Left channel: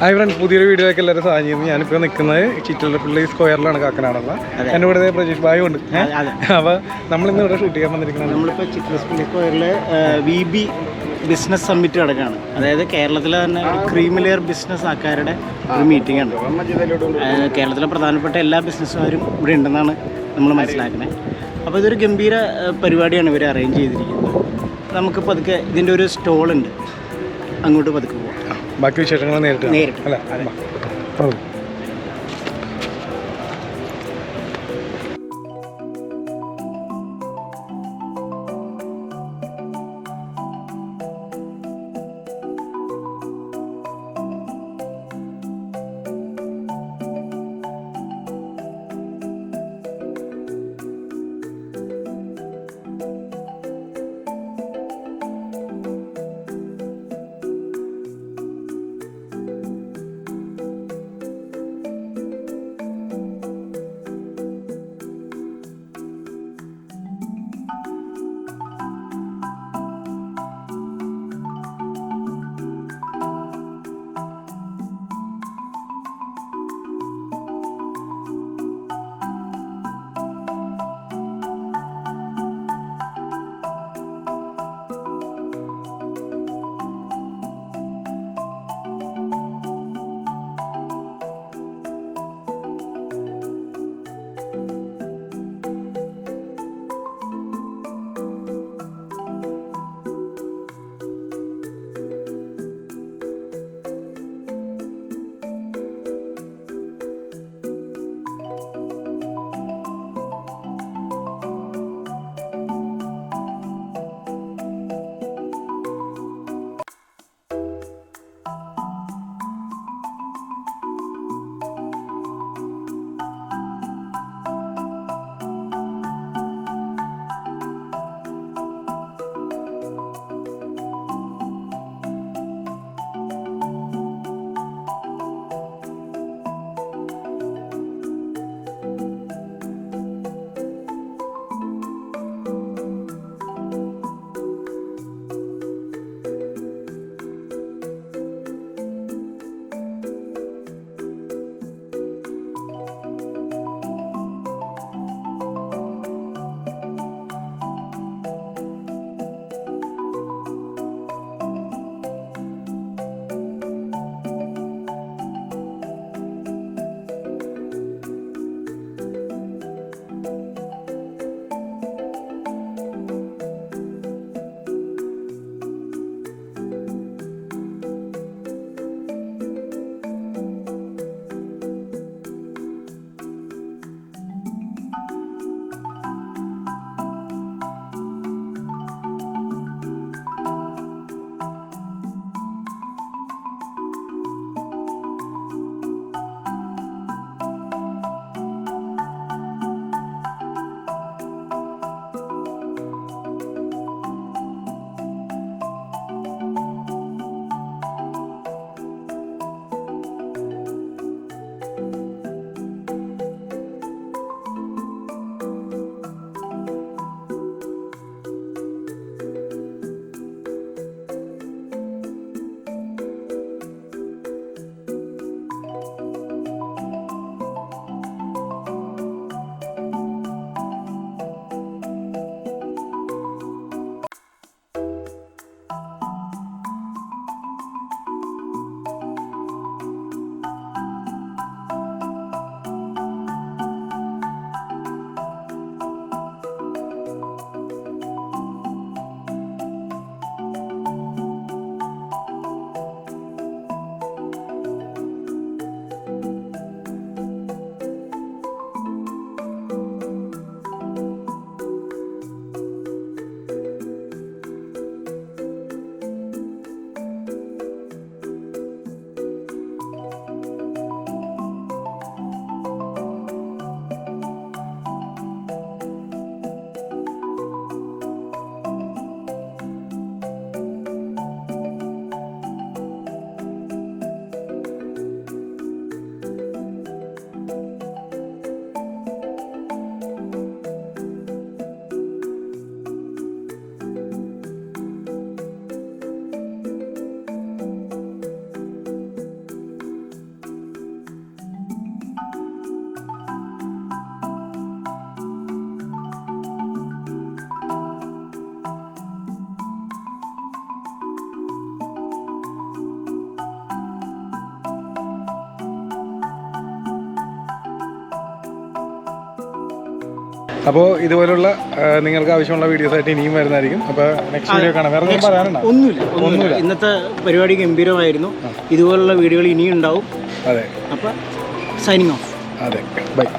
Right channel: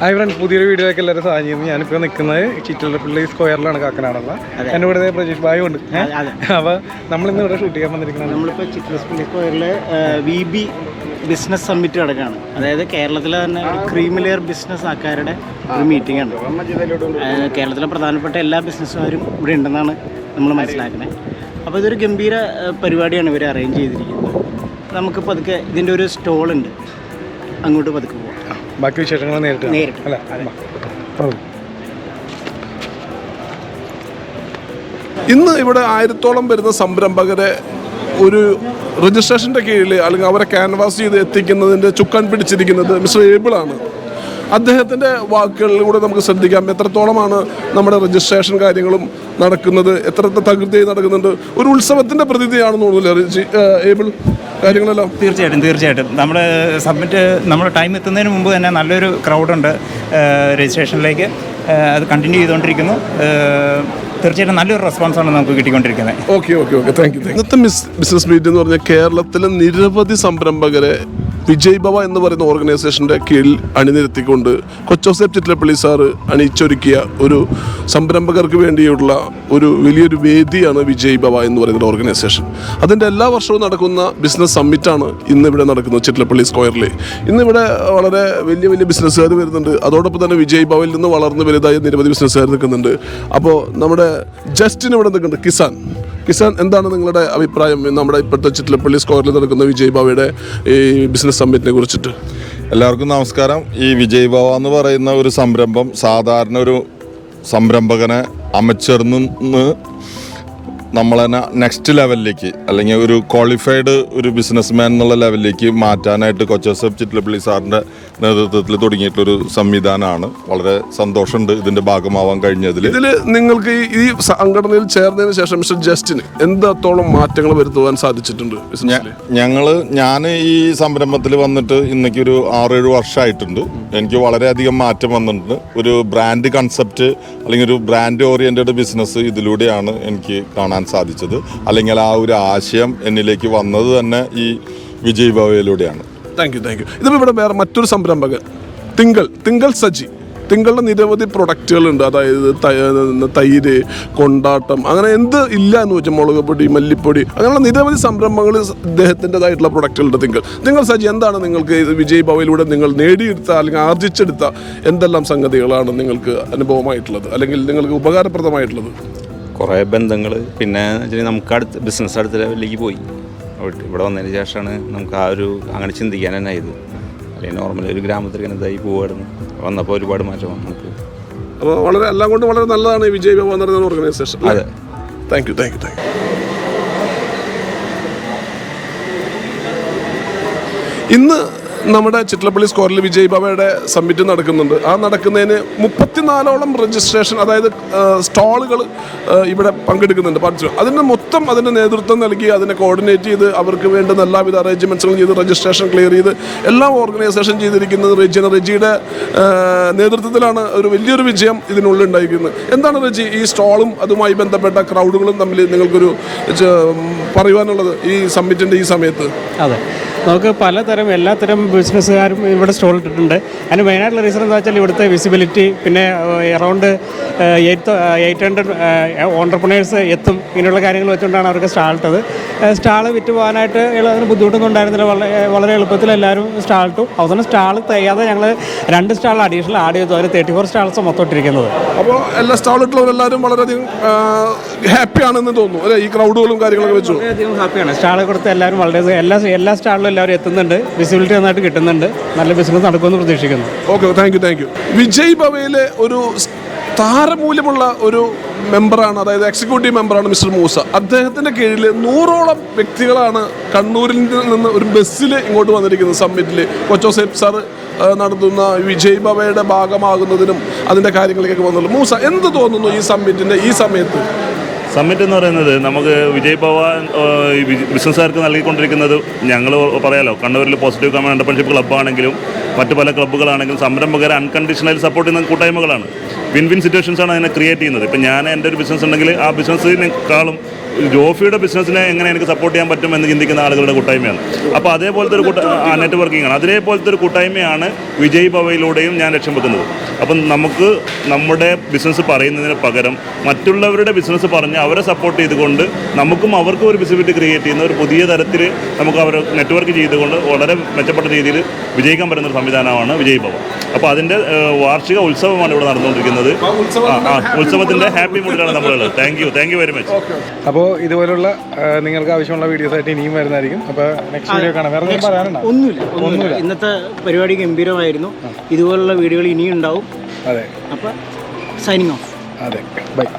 Hi friends, പുതിയൊരു വീഡിയോയിലേക്ക് എല്ലാവരും സാധിക്കുന്നു. ഞാനിപ്പോൾ നിൽക്കുന്നത് ചിറ്റലപ്പള്ളി സ്ക്വയറിലാണ്, കാക്കനാടുള്ള. എൻ്റെ കൂടെ പ്രജീഷ് ഭായി ഉണ്ട്. അപ്പോൾ നമ്മളിന്ന് ഇവിടെ ഷൂട്ട് ചെയ്യാൻ വന്നിരിക്കുന്നത് നമ്മളിപ്പോൾ ചിറ്റലപ്പള്ളി സ്ക്വയറിൽ VB ബിസിനസ് സമ്മിറ്റ് നടക്കുകയാണ്. അതായത് കേരളത്തിലെ തന്നെ ഒരു ക്രീം ലെയർ ബിസിനസ് ആൾക്കാരുടെ ഒരു മീറ്റിംഗ് ആണ്. കേരളത്തിലെ പ്രധാനപ്പെട്ട എല്ലാ ബിസിനസ്സുകാരും ഇവിടെ ഉണ്ടെന്നാണ് നമ്മൾ മനസ്സിലാക്കുന്നത്. അപ്പോൾ ഇതൊരു ഗംഭീര പരിപാടിയാണ് ഇവർ അറേഞ്ച് ചെയ്തിരിക്കുന്നത്. നമുക്ക് പതുക്കെ ഇതിൻ്റെ ഒരു സ്റ്റോളുണ്ട്, അങ്ങോട്ട് പതുക്കെ പോകാം. ബാക്കി വിശേഷങ്ങൾ നേരിട്ട് അല്ല. ഇന്ന് ഇവിടെ 1000-ഓളം വരുന്ന സംരംഭകരെ ഒരു രജിസ്ട്രേഷൻ്റെ കീഴിൽ അല്ലെങ്കിൽ അവരെ ക്യാൻവാസ് ചെയ്ത് എത്തിക്കുന്നതിൻ്റെ ചുക്കാൻ പിടിച്ചിരിക്കുന്നത് മിസ്റ്റർ ഏബിളാണ്. അദ്ദേഹത്തിൻ്റെ വാക്കുകളിലൂടെ നമുക്ക് ശ്രദ്ധിക്കാം എത്രത്തോളമാണ് നമ്മുടെ രജിസ്ട്രേഷൻ കാര്യങ്ങളും നടക്കുന്നത്, എത്ര തകൃതിയായി നടക്കുന്നുണ്ട്. ഒരു ഉത്സവത്തിൻ്റെ പ്രതീതിയാണെന്ന് തോന്നുന്നില്ല ഏബിൾ കാര്യങ്ങളെല്ലാം? തീർച്ചയായിട്ടും നമ്മുടെ സബ്മിറ്റ് നമ്മുടെ ടൈം എത്തുന്നതിന് മുമ്പ് തന്നെ നല്ലൊരു ക്രൗഡുണ്ട് രജിസ്ട്രേഷനിലേക്ക്. അത് കണ്ടിന്യൂ ചെയ്തുകൊണ്ടിരിക്കുന്നു. തീർച്ചയായിട്ടും നല്ലൊരു റെസ്പോൺസാണ് നമുക്ക് കിട്ടിക്കൊണ്ടിരിക്കുന്നത്. Okay thank you. ഇന്നത്തെ ബിസിനസ് മീറ്റ് എന്ന് പറഞ്ഞാൽ കേരളത്തിലെ നിരവധി സംരംഭകരെ വിജയ് ഭവ എന്ന് പറയുന്ന ഓർഗനൈസേഷൻ്റെ കീഴിൽ അണിനിരത്തിക്കൊണ്ട് കൊച്ചോസേപ്പ് ചിറ്റലപ്പള്ളി സാറ് അണിയിച്ചൊരുക്കിയ ഒരു സംരംഭകർക്ക് വേണ്ടിയുള്ള ഒരു വലിയൊരു വേദിയാണ് വിജയ് ഭവ എന്ന് പറയുന്ന ഓർഗനൈസേഷൻ. അതിൻ്റെ എല്ലാ വർഷവും നടക്കുന്ന ബിസിനസ് സമ്മിറ്റാണ് ഇന്നിവിടെ നടക്കുന്നത് ചിറ്റലപ്പള്ളി സ്ക്വയറിൽ. ഇന്നിവിടെ വളരെ വലിയ വലിയ ബിസിനസ്സുകാർ വരുന്നുണ്ട്. അതോടൊപ്പം തന്നെ വിജയ് ഭവയിൽ നിന്ന് വളർന്ന് വലുതായ നിരവധി ബിസിനസ്സുകാർ നിൽക്കുന്നുണ്ട്. അപ്പോൾ നമ്മുടെ ജസ്റ്റിന് ഇവിടെ നിൽക്കുന്നുണ്ട്. കിസാൻ, എന്താണ് നിങ്ങളുടെ അഭിപ്രായം നമ്മുടെ ഇപ്പോഴത്തെ ചിറ്റലപ്പള്ളി സ്ക്വയറിൽ നടക്കുന്ന വിജയ് ഭവയുടെ ഈ ബിസിനസ് സമ്മിറ്റിനെ കുറിച്ചിട്ട്? എല്ലാവർക്കും നമസ്കാരം. ഈ വിജയ് ഭവ എന്ന് പറയുന്ന ഒരു സംരംഭം സാധാരണ ഒരു സംരംഭകനെ അമച്ചേർന്ന് നമ്മളെ നെക്സ്റ്റ് ലെവലിലേക്ക് അല്ലെങ്കിൽ ഒരു ക്വാളിഫൈഡ് ഒരു ബിസിനസ് മാൻ എന്നുള്ള ലെവലിലേക്ക് മാറ്റാനായിട്ട് കൊച്ചോസേപ്പ് ചിറ്റലപ്പള്ളി സാറിൻ്റെ നേതൃത്വത്തിൽ തുടങ്ങിയിട്ടുള്ളൊരു സംവിധാനമാണ്. വളരെ സന്തോഷമുണ്ട് ഇതിൻ്റെ ഭാഗമാവാൻ കഴിഞ്ഞതിൽ. ഇതിൽ നിങ്ങൾക്ക് ഈ സംഘടനയിൽ ചേർന്നതിന് ശേഷം മിസ്റ്റർ ജസ്റ്റിന് എന്തോളം മാറ്റങ്ങൾ വരുത്തുവാൻ സാധിച്ചിട്ടുണ്ട്? ഞാൻ ഈ സംരംഭത്തിൽ വന്നിട്ട് ഇന്നേക്ക് ഒരു 6-7 വർഷമായിട്ടുണ്ട്. എനിക്ക് വളരെയധികം മാറ്റം വന്നിട്ടുണ്ട്. ഒരു ബ്രാൻഡ് കൺസെപ്റ്റ് അല്ലെങ്കിൽ ഒരു ബ്രാൻഡ് ഓറിയൻറ്റഡ് ബിസിനസ് ഇതിലൂടെയാണ് എനിക്ക് കാണാൻ സാധിച്ചത്. അല്ലെങ്കിൽ ആ ഒരു ആശയം എന്നിലേക്ക് വന്നത് തന്നെ ഈ വിജയ് ഭവയിലൂടെയാണ്. Thank you. ഇതിപ്പോൾ ഇവിടെ വേറെ മറ്റൊരു സംരംഭകൻ തിങ്കൾ സജി. തിങ്കളുടെ നിരവധി പ്രൊഡക്റ്റുകളുണ്ട്. അതായത് തൈര്, കൊണ്ടാട്ടം, അങ്ങനെ എന്ത് ഇല്ല എന്ന് വെച്ചാൽ മുളക് പൊടി, മല്ലിപ്പൊടി, അങ്ങനെയുള്ള നിരവധി സംരംഭങ്ങൾ ഇദ്ദേഹത്തിൻ്റെതായിട്ടുള്ള പ്രൊഡക്റ്റുകളുണ്ട്. തിങ്കൾ സജി, എന്താണ് നിങ്ങൾക്ക് വിജയ് ഭവയിലൂടെ നിങ്ങൾ നേടിയെടുത്ത അല്ലെങ്കിൽ ആർജിച്ചെടുത്ത എന്തെല്ലാം സംഗതികളാണ് നിങ്ങൾക്ക് അനുഭവമായിട്ടുള്ളത് അല്ലെങ്കിൽ നിങ്ങൾക്ക് ഉപകാരപ്രദമായിട്ടുള്ളത്? കുറേ ബന്ധങ്ങൾ, പിന്നെ നമുക്ക് ബിസിനസ് അടുത്ത ലെവലിലേക്ക് പോയി. ഇവിടെ വന്നതിന് ശേഷമാണ് നമുക്ക് ആ ഒരു അങ്ങനെ ചിന്തിക്കാൻ തന്നെ ആയത്. അല്ലെങ്കിൽ നോർമലി ഒരു ഗ്രാമത്തിൽ ഇങ്ങനത്തായി പോവായിരുന്നു. വന്നപ്പോൾ ഒരുപാട് മാറ്റം വന്നു. അപ്പോൾ വളരെ എല്ലാം കൊണ്ട് വളരെ നല്ലതാണ് ഈ വിജയ് ഭവ എന്ന് പറയുന്ന ഓർഗനൈസേഷൻ. അതെ, താങ്ക് യു. ഇന്ന് നമ്മുടെ ചിറ്റലപ്പള്ളി സ്ക്വയറിൽ വിജയ് ഭവയുടെ സമ്മിറ്റ് നടക്കുന്നുണ്ട്. ആ നടക്കുന്നതിന് 34ഓളം രജിസ്ട്രേഷൻ, അതായത് സ്റ്റാളുകൾ ഇവിടെ പങ്കെടുക്കുന്നുണ്ട്. അതിൻ്റെ നേതൃത്വം നൽകി അതിനെ കോർഡിനേറ്റ് ചെയ്ത് അവർക്ക് വേണ്ടുന്ന എല്ലാവിധ അറേഞ്ച്മെൻറ്റ്സുകളും ചെയ്ത് രജിസ്ട്രേഷൻ ക്ലിയർ ചെയ്ത് എല്ലാം ഓർഗനൈസേഷൻ ചെയ്തിരിക്കുന്നത് റെജിയുടെ നേതൃത്വത്തിലാണ്. ഒരു വലിയൊരു വിജയം ഇതിനുള്ളിലുണ്ടായിരിക്കുന്നത്. എന്താണ് റെജി, ഈ സ്റ്റാളും അതുമായി ബന്ധപ്പെട്ട ക്രൗഡുകളും തമ്മിൽ നിങ്ങൾക്കൊരു പറയുവാനുള്ളത് ഈ സമ്മിറ്റിൻ്റെ ഈ സമയത്ത്? അതെ, നമുക്ക് പലതരം എല്ലാത്തരം ബിസിനസ്സുകാരും ഇവിടെ സ്റ്റോൾ ഇട്ടിട്ടുണ്ട്. അതിന് മെയിനായിട്ടുള്ള റീസൺ എന്താ വെച്ചാൽ ഇവിടുത്തെ വിസിബിലിറ്റി, പിന്നെ അറൗണ്ട് 800 ഓൺടർപ്രണേഴ്സ് എത്തും. ഇങ്ങനെയുള്ള കാര്യങ്ങൾ വെച്ചുകൊണ്ടാണ് അവർക്ക് സ്റ്റാളിട്ടത്. സ്റ്റാൾ വിറ്റ് പോകാനായിട്ട് അതിന് ബുദ്ധിമുട്ടൊന്നും ഉണ്ടായിരുന്നില്ല. വളരെ എളുപ്പത്തിൽ എല്ലാവരും സ്റ്റാൾ ഇട്ടു. അവസാനം സ്റ്റാൾ തയ്യാതെ ഞങ്ങൾ 2 സ്റ്റാൾ അഡീഷണൽ ആഡ് ചെയ്തു. അതിന് 34 സ്റ്റാൾസ് മൊത്തം ഇട്ടിരിക്കുന്നത്. അപ്പോൾ എല്ലാ സ്റ്റാളിട്ടുള്ളവരെല്ലാവരും വളരെയധികം ഹാപ്പിയാണെന്ന് തോന്നുന്നു അല്ലേ? ഈ ക്രൗഡുകളും കാര്യങ്ങളൊക്കെ വെച്ചു വളരെയധികം ഹാപ്പിയാണ്. സ്റ്റാൾ കൊടുത്ത് എല്ലാവരും വളരെ എല്ലാ സ്റ്റാളിലും എല്ലാവരും എത്തുന്നുണ്ട്. വിസിബിലിറ്റി നന്നായിട്ട് കിട്ടുന്നുണ്ട്. നല്ല ബിസിനസ് നടക്കുമെന്ന് പ്രതീക്ഷിക്കുന്നു. Okay, thank you. വിജയ് ഭവയിലെ ഒരു താരമൂല്യമുള്ള ഒരു മെമ്പറാണ്, അതായത് എക്സിക്യൂട്ടീവ് മെമ്പറാണ് മിസ്റ്റർ മൂസ. അദ്ദേഹത്തിൻ്റെ കീഴിൽ 100ഓളം വ്യക്തികളാണ് കണ്ണൂരിൽ നിന്ന് ഒരു ബസ്സിൽ ഇങ്ങോട്ട് വന്നിരിക്കുന്നത്. സമ്മിറ്റിൽ കൊച്ചോസേപ്പ് സാർ നടത്തുന്ന വിജയ് ഭവയുടെ ഭാഗമാകുന്നതിനും അതിൻ്റെ കാര്യങ്ങളിലേക്ക് വന്നുള്ളൂ. മൂസ, എന്ത് തോന്നുന്നു ഈ സമ്മിറ്റിൻ്റെ ഈ സമയത്ത്? സമ്മിറ്റ് എന്ന് പറയുന്നത് നമുക്ക് വിജയ് ഭവ ബിസിനസ്സുകാർക്ക് നൽകിക്കൊണ്ടിരിക്കുന്നത്, ഞങ്ങൾ പറയാലോ, കണ്ണൂരിൽ പോസിറ്റീവ് കമ്മ്യൂണിറ്റി എൻ്റർപ്രണർഷിപ്പ് ക്ലബ്ബാണെങ്കിലും മറ്റ് പല ക്ലബ്ബുകളാണെങ്കിലും സംരംഭകരെ അൺകണ്ടീഷണലി സപ്പോർട്ട് ചെയ്യുന്ന കൂട്ടായ്മകളാണ്. വിൻ വിൻ സിറ്റുവേഷൻസ് ആണ് അതിനെ ക്രിയേറ്റ് ചെയ്യുന്നത്. ഇപ്പം ഞാൻ എൻ്റെ ഒരു ബിസിനസ് ഉണ്ടെങ്കിൽ ആ ബിസിനസ്സിനേക്കാളും ജോഫിയുടെ ബിസിനസ്സിനെ എങ്ങനെ എനിക്ക് സപ്പോർട്ട് ചെയ്യാൻ പറ്റും എന്ന് ചിന്തിക്കുന്ന ആളുകളുടെ കൂട്ടായ്മയാണ്. അപ്പോൾ അതേപോലത്തെ ഒരു നെറ്റ്വർക്കിംഗ് ആണ്. അതേപോലത്തെ ഒരു കൂട്ടായ്മയാണ് വിജയ് ഭവയിലൂടെയും ഞാൻ ലക്ഷ്യം വെക്കുന്നത്. അപ്പം നമുക്ക് നമ്മുടെ ബിസിനസ് പറയുന്നതിന് പകരം മറ്റുള്ളവരുടെ ബിസിനസ് പറഞ്ഞ് അവരെ സപ്പോർട്ട് ചെയ്തുകൊണ്ട് നമുക്കും അവർക്കും ഒരു വിസിബിലിറ്റി ക്രിയേറ്റ് ചെയ്യുന്ന ഒരു പുതിയ തരത്തിൽ നമുക്ക് അവർ നെറ്റ്വർക്ക് ചെയ്തുകൊണ്ട് വളരെ മെച്ചപ്പെട്ട രീതിയിൽ വിജയിക്കാൻ പറ്റുന്ന ഒരു സംവിധാനമാണ് വിജയ് ഭവ. അപ്പോൾ അതിൻ്റെ വാർഷിക ഉത്സവമാണ് ഇവിടെ നടന്നുകൊണ്ടിരിക്കുന്നത്. ഉത്സവത്തിൻ്റെ ഹാപ്പി മൂഡിലാണ് നമ്മളുള്ളത്. Thank you very much. അപ്പോൾ ഇതുപോലുള്ള നിങ്ങൾക്ക് ആവശ്യമുള്ള വീഡിയോസ് ആയിട്ട് ഇനിയും വരുന്നതായിരിക്കും. അപ്പോൾ നെക്സ്റ്റ് വീഡിയോ കാണാം. വേറെ എന്തെങ്കിലും പറയാനുണ്ടോ? ഒന്നുമില്ല. ഇന്നത്തെ പരിപാടി ഗംഭീരമായിരുന്നു. ഇതുപോലുള്ള വീഡിയോകൾ ഇനിയും ഉണ്ടാവും. അതെ. അപ്പോൾ സൈനിങ് ഓഫ്. അതെ, ബൈ.